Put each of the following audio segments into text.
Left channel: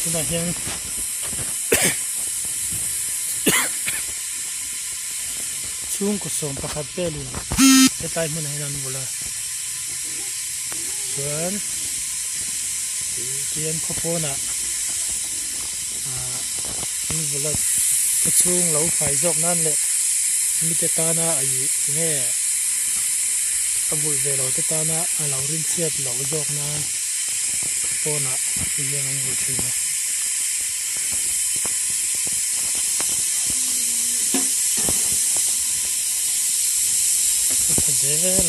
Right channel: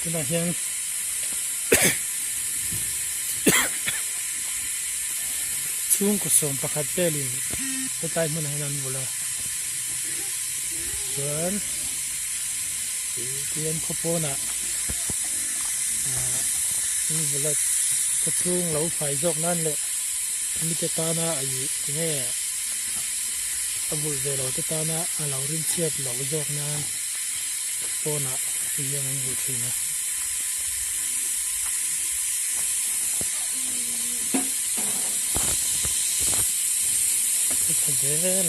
คุณอาเฮียงช่วงกุศลประคับเปลี่ยนจะตายมันให้นันบุละส่วนเทียนข้าวโพดนี่บุละกระช่วงเราไฟจอกนั่นแหละมีแต่ตาหน้าไอ้เงี้ยบุลเวลาแต่ตาหน้าเราเรียนเชียบเราจอกนั่นโพดที่ยังไม่รู้ชื่อนะก็จะเจ๋ง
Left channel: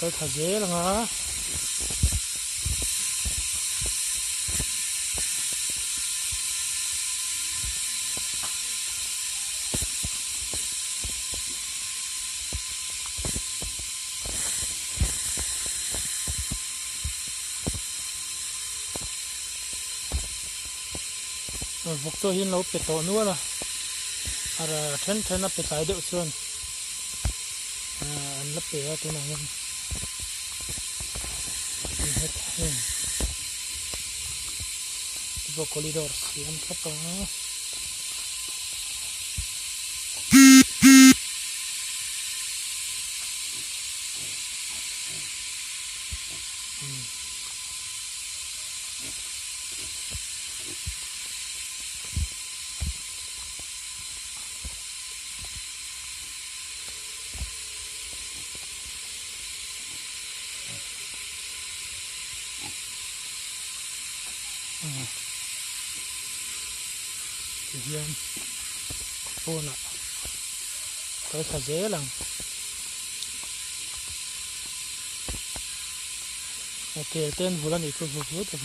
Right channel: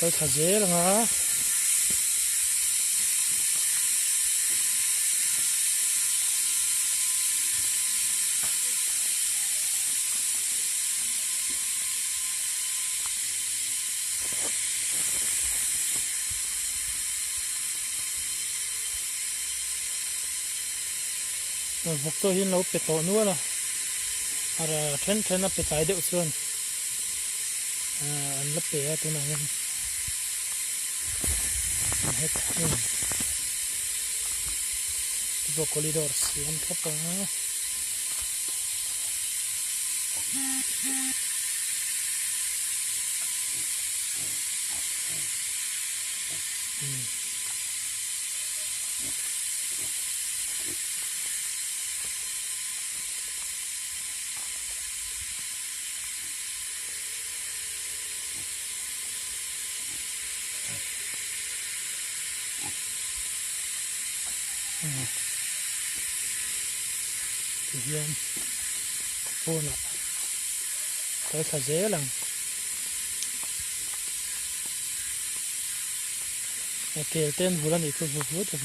ก็จะเจ๋งอ่ะพวกตัวหินเราเป็ดโตนัวละอะไรเทนนับเป็ดตายเดือดส่วนอันละเป็ดตัวไหนกันเฮ็ดให้ตัวคอริดอร์สิอันครับเฮียนโอ้น่ะก็จะเจ๋งเต้นบุรันอีกคนพูดแต่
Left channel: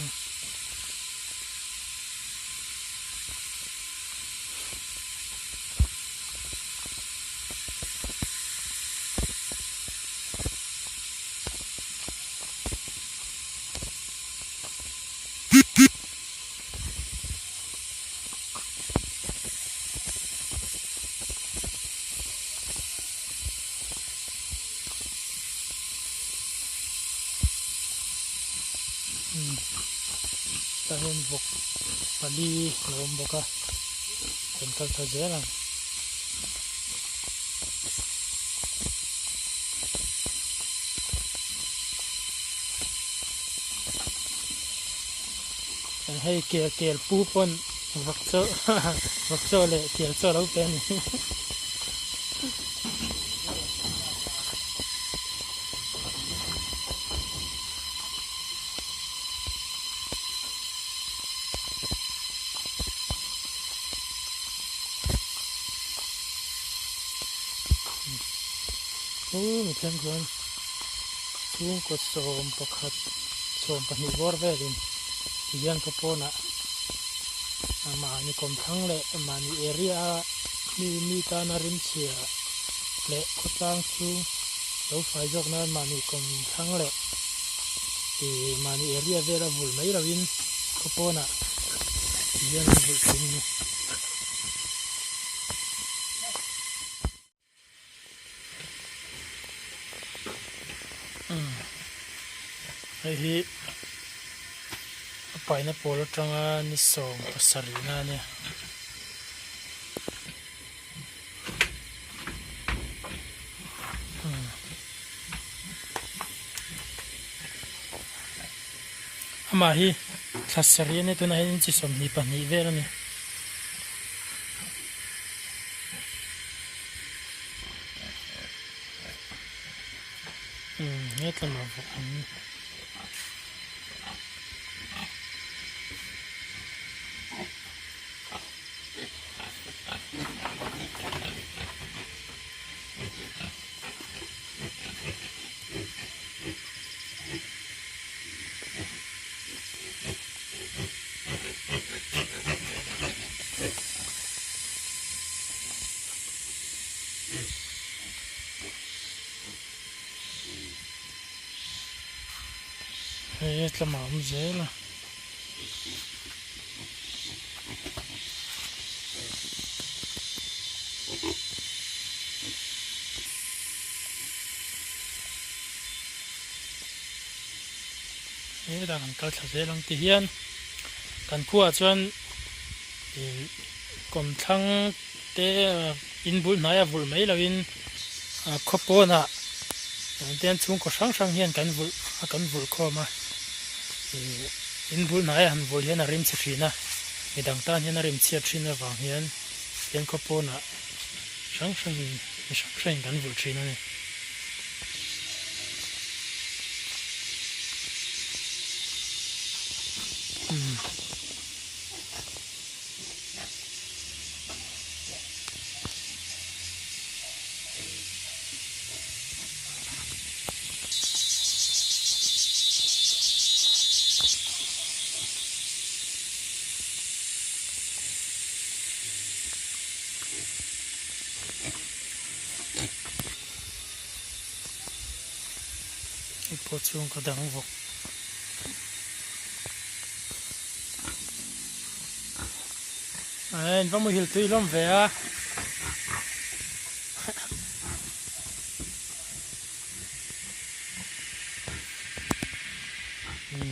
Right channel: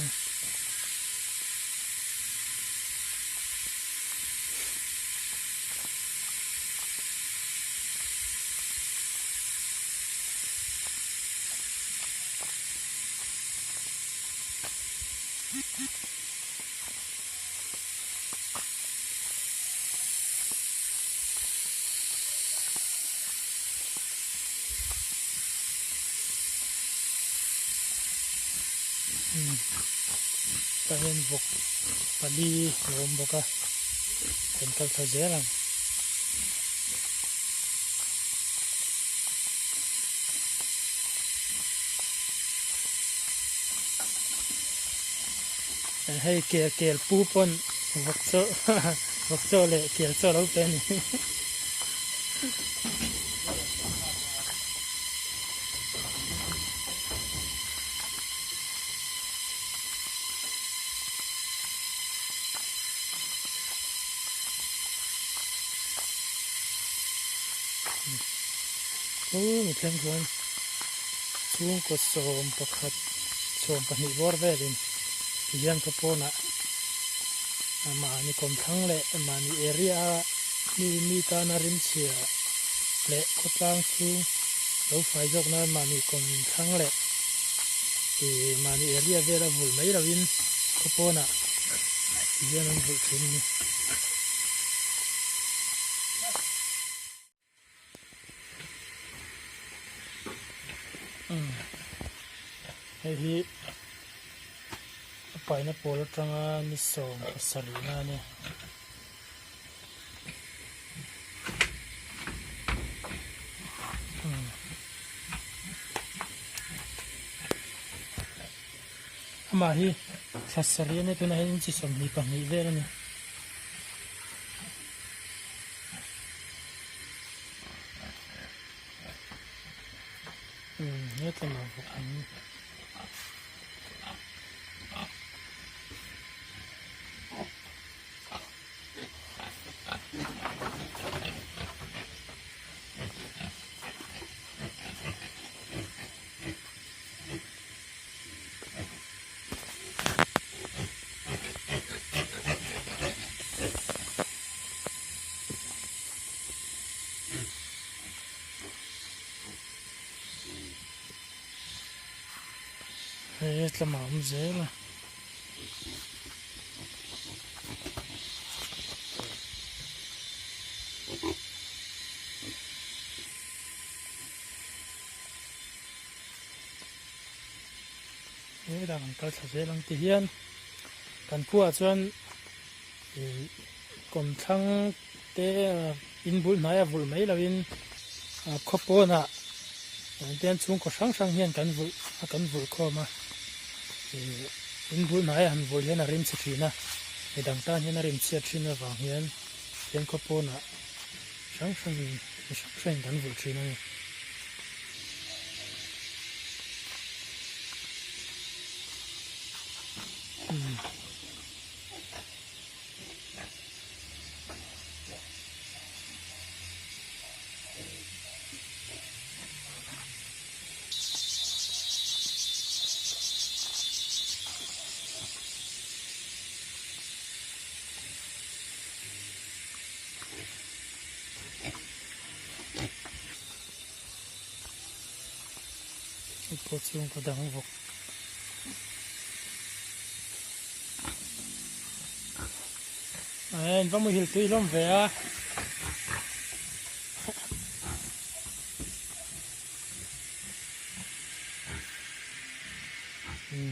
แต่เห็นบกปลีลมบกอะเป็นก็จะเจ๋งให้เกี่ยวปูปนวักโซเลยเกี่ยวโซเราเป็นโอ้เพียงคนช่วงก็สมประคับสมปนิวอร์เวลินยังกระโปนะมานี่คนทั้งเลยมานี่เอริอามีการนารินเชียเละขดล่างสูงแล้วไฟจอกนั้นมานี่คนทั้งเลยมานี่เอริอาเวลาบุลไม่ราวินกระโปนะยังบุลขึ้นไอ้ที่ไปนะโปรจังนิสงภาษาลีน่าเนี่ยมาฮีภาษาลีเนี่ยตัวไหนนี่จะสมนิปันนิเวลเนี่ยเนี่ยตัวมาบอก tlama zela đang kal thla zelang ti hian kan khua chuan kom thlang te in bul hnai a vul mai lovin khopona ten chung ko sang sang hian kan vul khoma in bul hnai han vul hian a rim chi thina midang tan hian a rim chia thina wang hian ten khopona sang sang kan vul thina ni po chung ka dang vok ai vamos hil tui lom ve a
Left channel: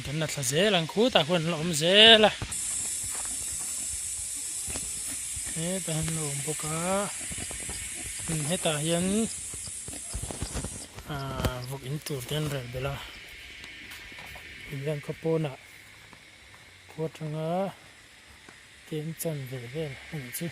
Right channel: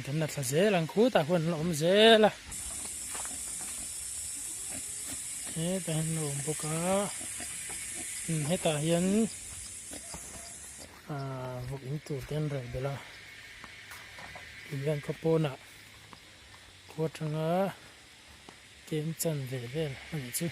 kan na thla zelang khu ta khun lom zela ta han lom boka heta hian vok in tur ten rel bela hian khopona khuatanga ten chan ve vel ani chu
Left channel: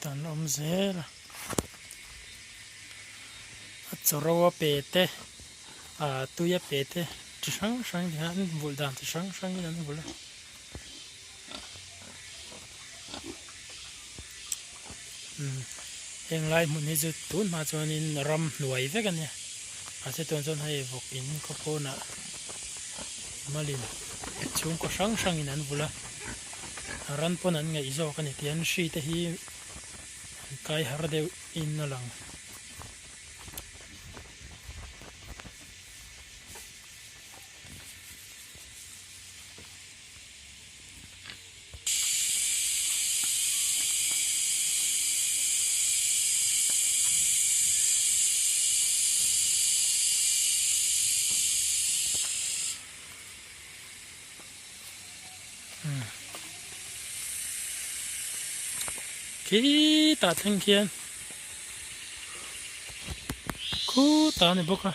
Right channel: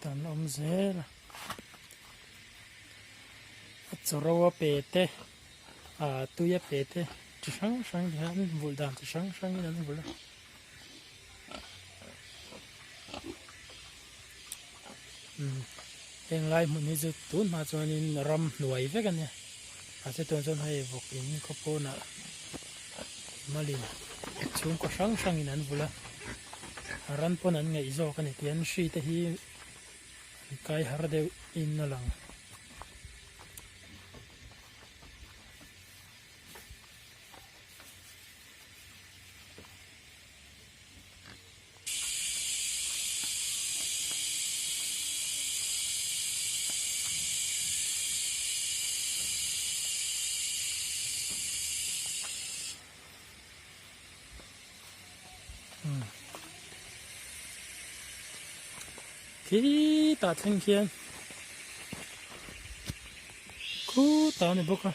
tan om zela chorowa pete tuya pete chi sang sang han vul dan chi sang sang in an vul heng lai mun ni chu tun ma chuan in ram nuai ve kan ya se ton chon hai vok in khopona malin chung ko sang sang in an vula ran pon an ngai zo kan tian shi te hi kai har deu in na lang khi ta thanh thiên khu ta này bốc à